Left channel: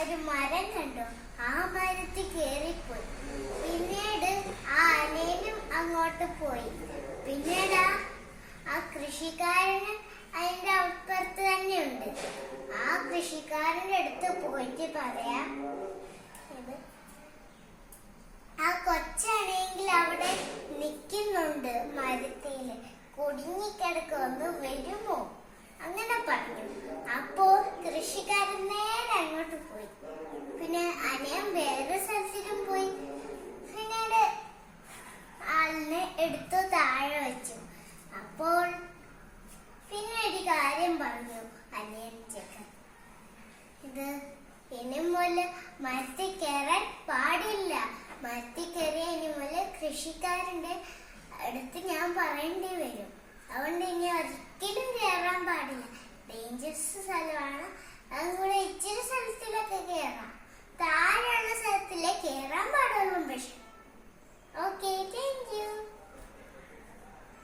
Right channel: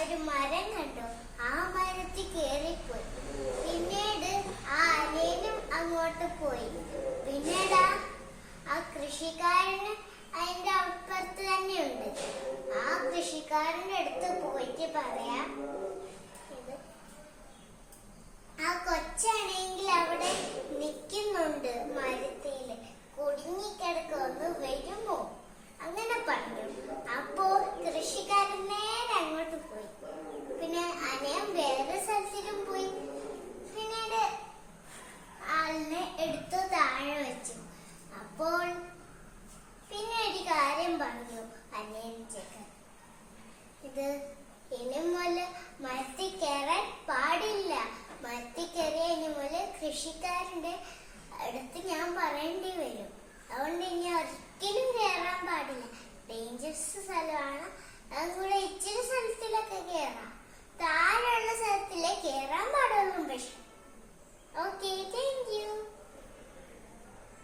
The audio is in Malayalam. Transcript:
ഒരു മരം കണ്ടു. ആ മരത്തിൽ കേറിപ്പോയി. പിന്നീട് ആ അനിയനും അങ്ങോട്ട് പോയി. പിന്നീട് ആ കൃഷിക്കാരന് അതിന്റെ അപ്പുറത്ത് തന്നെയുണ്ട്. ആ കൃഷിക്കാരന്റെ അടുത്ത് പോയിട്ട് പറയാം, ആ കൊച്ചാണെങ്കിൽ അവിടെ നിൽക്കുന്നുണ്ട്, മരത്തില് കുടുങ്ങിക്കിടക്കൊന്ന് വരുമോ അങ്ങനെ പറഞ്ഞു. അപ്പോ കൃഷിക്കാരൻ നേരെ അങ്ങോട്ട് പോയി. പിന്നെ അനിയൻ വേറെ സ്ഥലത്തിലും പോയി. പിന്നീട് ആളിനെ എടുത്തു താഴെ വെച്ചു. അപ്പോൾ പിന്നെ ഒരു കാര്യം പറഞ്ഞു അനിയൻ ചെക്കൻ, ഇത് ഇനി മുതൽ മരത്തിൽ കയറാൻ പാടില്ല. മരത്തിൽ കയറിയ ഇനി മുതൽ കൃഷിക്കാരന്റെ അടുത്ത് ഞാൻ പറയേണ്ടി വരും. അതുകൊണ്ട് ഇനി ഒരിക്കലും കയറാൻ പാടില്ല. ഡേഞ്ചറസ് സ്ഥലമാണ്. അതുകൂടെ ഇച്ചിരി സ്ഥലത്തിലൊക്കെ കയറാം, താഴെയുള്ള സ്ഥലത്തിലേ കയറാൻ പാടുള്ളൂ. പക്ഷെ ഓക്കെ.